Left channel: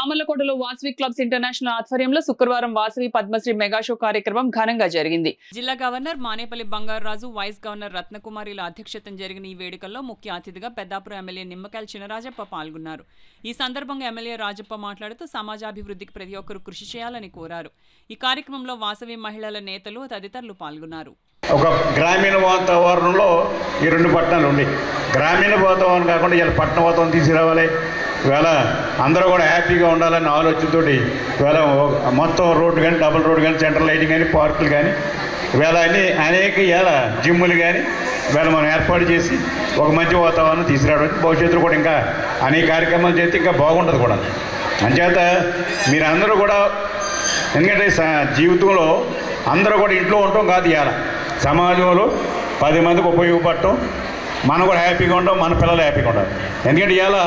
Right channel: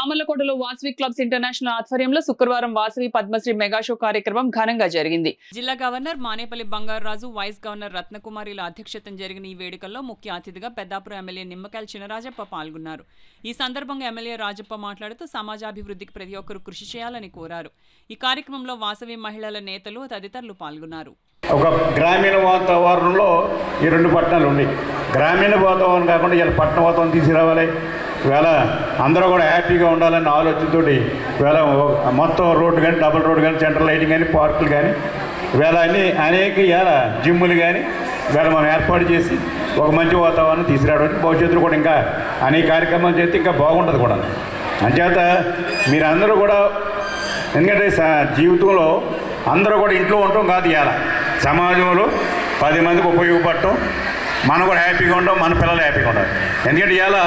సామర్లకోటలో Vasavi clubs international ఆధ్వర్యంలో శుక్రవారం Vasavi Padmashri mega show కార్యక్రమం ఘనంగా జరిగింది. జిల్లా governor Manepalli Bangaraju, vice governor రత్నకుమారిల అధ్యక్షతన జరిగిన ఈ వేడుకల్లో ముఖ్య అతిథిగా పెద్దాపురం ఎమ్మెల్యే నిమ్మకాయల చినరాజప్ప పాల్గొన్నారు. ఈ సందర్భంగా ఎమ్మెల్యే రాజప్ప మాట్లాడుతూ సమాజాభివృద్ధికి ప్రతి ఒక్కరూ కృషి చేయాలని కోరారు. ఈ కార్యక్రమంలో వాసవి మహిళల నేతలు తదితరులు పాల్గొన్నారు. ఒక గ్రామీణ వాతావరణంలో ఈ రెండు పట్టణాలు ఉన్నాయి. గ్రామీణ వాతావరణం కాకుండా ఇలా పట్టణ వాతావరణం తీసుకురావాలి. ఇవాళ అందరూ కూడా హ్యాపీగా ఉండాలన్న ఆలోచనతో ఇవాళ మొత్తం రోడ్డు కానీ, డబుల్ రోడ్డు కానీ, సెంట్రల్ లైటింగ్ కానీ, పార్కులు కానీ, ఇవాళ అనేక ఇవాళ జిమ్ములు కానీ ఇవాళ మనం ఏర్పాటు చేసి ఒక మంచి వాతావరణం తీసుకురావడం, భవిష్యత్తులో కూడా ఇంకా అనేక కార్యక్రమాలు చేస్తే ఇంకా బాగుంటుంది కూడా. అంచేత మీరందరూ కూడా, ఎందుకంటే జీవితంలో అందరూ కూడా ఇంట్లో ఉండటం కాదు, ఇవాళ సమాజంలో 10 మందికి ఉపయోగపడటం, మనం కూడా హ్యాపీగా ఉంటాం, మన పిల్లలు హ్యాపీగా ఉంటారు. ఎందుకంటే ఇవాళ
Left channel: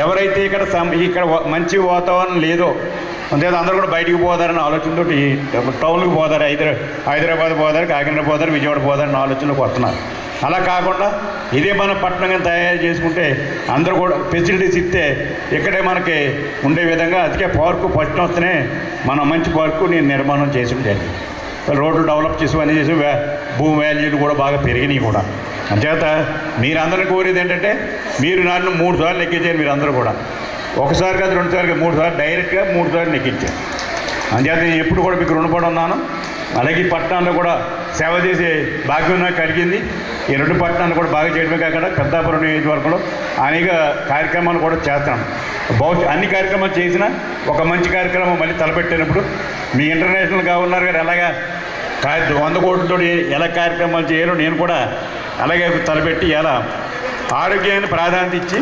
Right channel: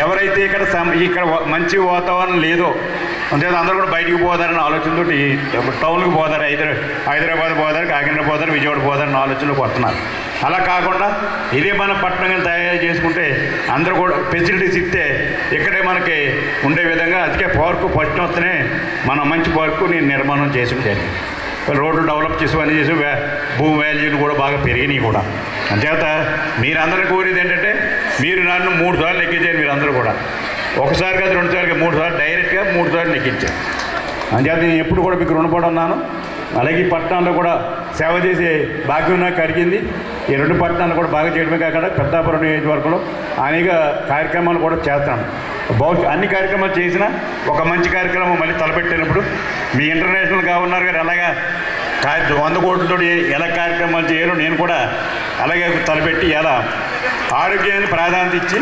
ఎవరైతే ఇక్కడ మంచి వాతావరణం లేదో అంతే అందరూ కూడా బయటికి పోదారని ఆలోచనతో టౌన్కి పోదారు, హైదరాబాద్ పోదారు, కాకినాడ పోదారు, విజయవాడ పోదారని ఆలోచనలోకి వస్తున్నారు. అలా కాకుండా ఇదే మన పట్టణంగా తయారు చేసుకుంటే అందరూ కూడా ఫెసిలిటీస్ ఇస్తే ఇక్కడే మనకి ఉండే విధంగా అందుకే పార్కు ఫస్ట్ వస్తేనే మన మంచి పార్కు నేను నిర్మాణం చేసి జరిగింది. రోడ్లు డెవలప్ చేసి అన్నీ చేసి భూమి వాల్యూలు కూడా బాగా పెరిగినాయి కూడా. అంచేత మీరందరినీ కోరేది ఏంటంటే మీరు నన్ను 3 సార్లు ఎక్కించారు. మీరందరూ కూడా ఒకసారి కాదు, 2 సార్లు, 3 సార్లు డైరెక్ట్గా 3 సార్లు ఎక్కించారు. అంచేత నేను ఎప్పుడు కూడా మీకు రుణపడి ఉన్నాను. అలాగే ఈ పట్టణాల్లో కూడా సేవ చేసే భాగ్యం నాకు కలిగింది. ఈ 2 పట్టణాలు కూడా బాగా చేయడమే కాకుండా పెద్దాపురం నియోజకవర్గంలో అనేక కార్యక్రమాలు కూడా చేస్తాను. అన్ని కార్యక్రమాలు చేసినా ఒక మంచి కార్యక్రమం మళ్ళీ తలపెట్టినప్పుడు మీ ఇంటర్నేషనల్ గవర్నర్ గారు ఎలాగా 100 కోట్లతో ఎలా కార్యక్రమాలు చేయాలో నేను కూడా అలాగే తలపెట్టి ఎలా ఆరోగ్యాన్ని ప్రాధాన్యత ఇచ్చి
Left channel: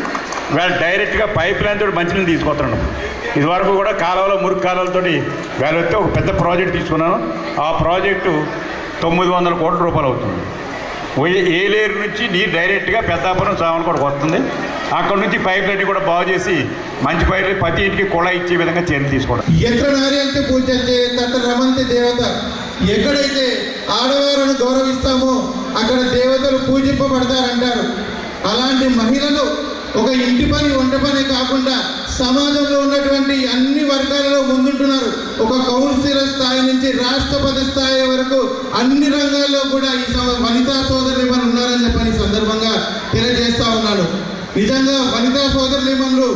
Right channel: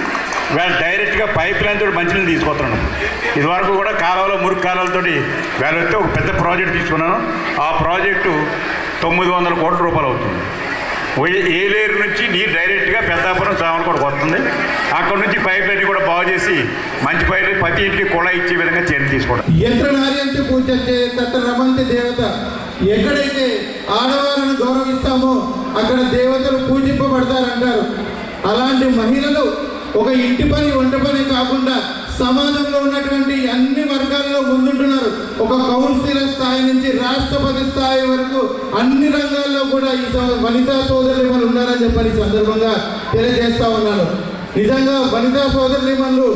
వేళ డైరెక్ట్గా పైప్ లైన్ తోటి మంచినీళ్ళు తీసుకొస్తున్నాను. ఇదివరకు కూడా కాలువలో మురికి కాలువలతో వేళ వస్తే ఒక పెద్ద ప్రాజెక్ట్ తీసుకున్నాను. ఆ ప్రాజెక్టు 900 కోట్ల రూపాయలు అవుతుంది. ఏలేరు నుంచి నీరు డైరెక్ట్గా పెద్దాపురం సామర్లకోటకు వస్తుంది. అక్కడ నుంచి పైప్ లైన్ కూడా బాగు చేసి మంచి పైపు ప్రతి ఇంటికి కుళ ఇచ్చే విధంగా చర్యలు తీసుకోవడం. దేవత ఎక్కడైతే ఆడవారిని గౌరవిస్తామో అక్కడ దేవతలు పూజింపబడతారంటారు. అలాంటి మహిళలు ఒక ఇంటి పని, వంట పని కాకుండా సమాజంలో ఉన్నటువంటి అన్ని వర్గాలలో ముందుంటున్నారు. ఒక కౌన్సిలర్ స్థాయి నుంచి రాష్ట్రపతి స్థాయి వరకు అన్ని రంగాల్లో కూడా ఈ వనితా సోదరులు ఉన్నారని చెప్పని సందర్భంగా తెలియజేస్తా ఉన్నాను. నిజంగా వనితా సోదరులు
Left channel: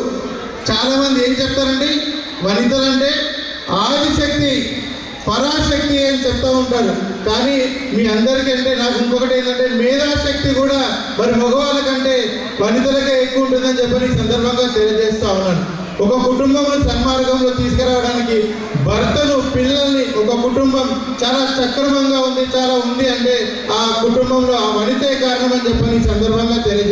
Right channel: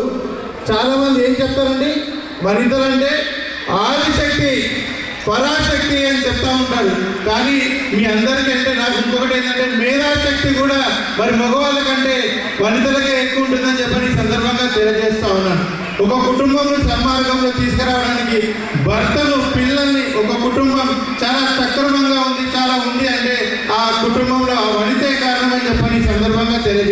చాలా మంది ఏం చెప్తారండి, వనితలంటే ఆదిశక్తి, పరాశక్తి అని చెప్తా ఉంటారు. కానీ మీ అందరికంటే నాకు ఇంకొకటి ఏంటంటే మేధాశక్తి కూడా మరి మగవాళ్ళ కంటే వనితలకే ఎక్కువ ఉంటుందని చెప్పని సందర్భంగా తెలియజేస్తా ఉన్నాను. ఒక కుటుంబంలో సన్మార్గంలో తీసుకురావడానికి భర్తను, పిల్లల్ని, ఒక కుటుంబం చాలా సక్రమంగా ఉంది, చాలా ఉంది అంటే ఆ కుటుంబంలో వనితే కారణం అని చెప్పని సందర్భంగా తెలియజేస్తాను.